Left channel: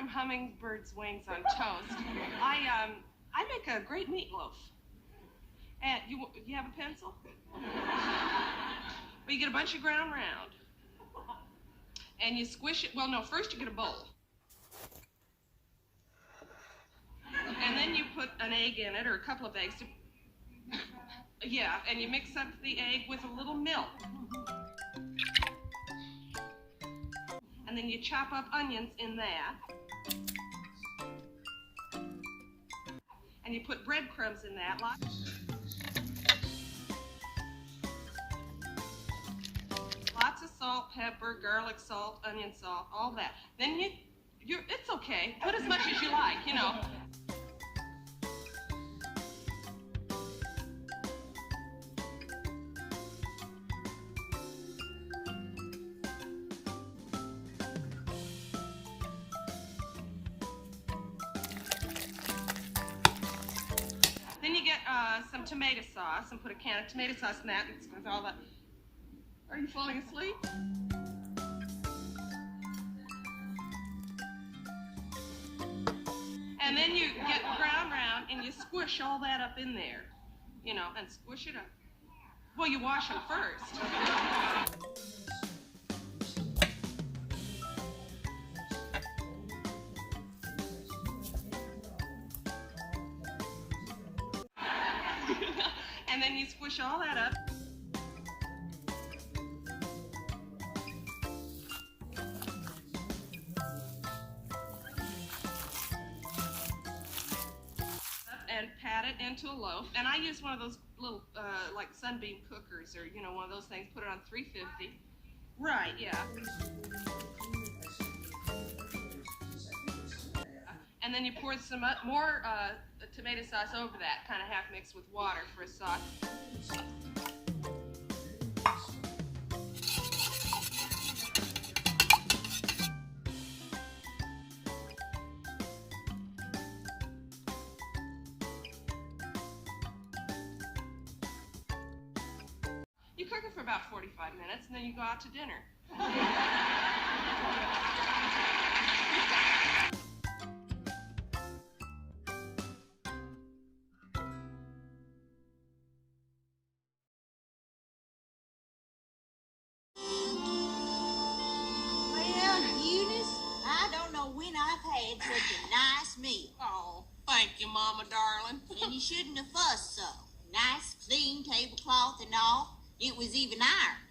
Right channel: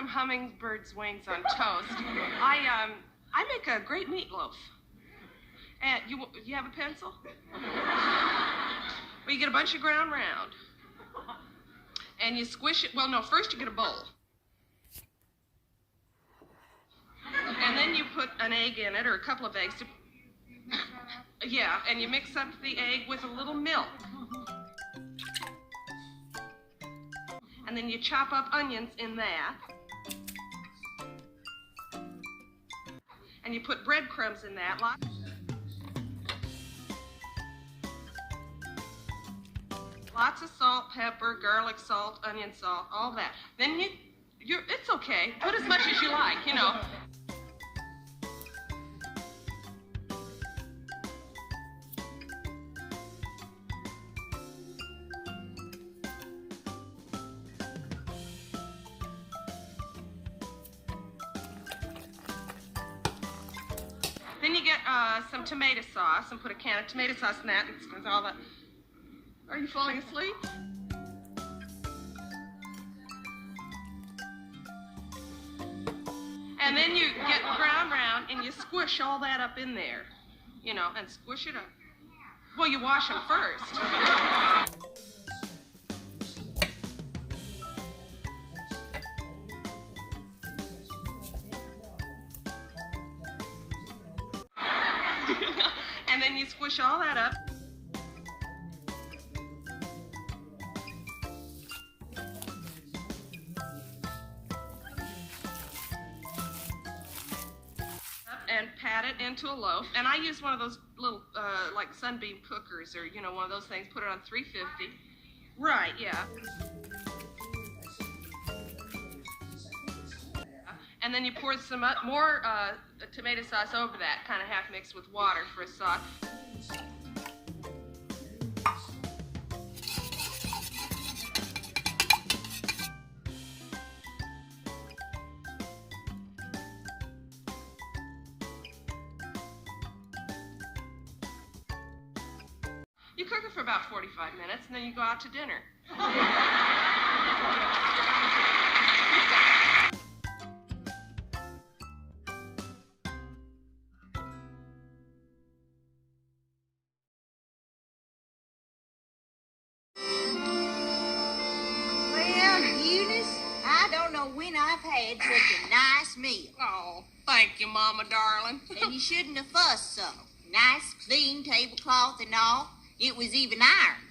some hummingbird's wings on toast. I make a great meatloaf. And you have a pencil? Well, you get a bunch of ground round. And you squish it. Well, no, first you get a bowl. And then you put an egg in it, or a couple of eggs. Yeah, and you mix up the egg with a little milk. And then you chop up onions in that. And you put breadcrumbs in that. Lots of salt, pepper, garlic salt, onion salt, all that. Then it's okay. Put as much as you like, you know. Then you get some tomato sauce and put a can of tomato sauce in that. It's all that. Are you falling asleep? And then you get ground round and you squish all that up in there, you know, and squish it up. Well, you wash them first. And then you squish all that up. And pat it into a loaf. And I use one of those little, like sunbeam cookers, or, you know, one of those things. Put it on 350. Right, yeah. And then you pour some more tomato sauce over that, kind of half mixed with water for a sauce. You cook it for about 45 minutes, and then you go out to dinner. Well, Eunice, I don't know when I've had such a nice meal. Oh, thank you, Mama, darling. And you shouldn't have fussed so. Nice, clean tablecloth and all. It was even ironed.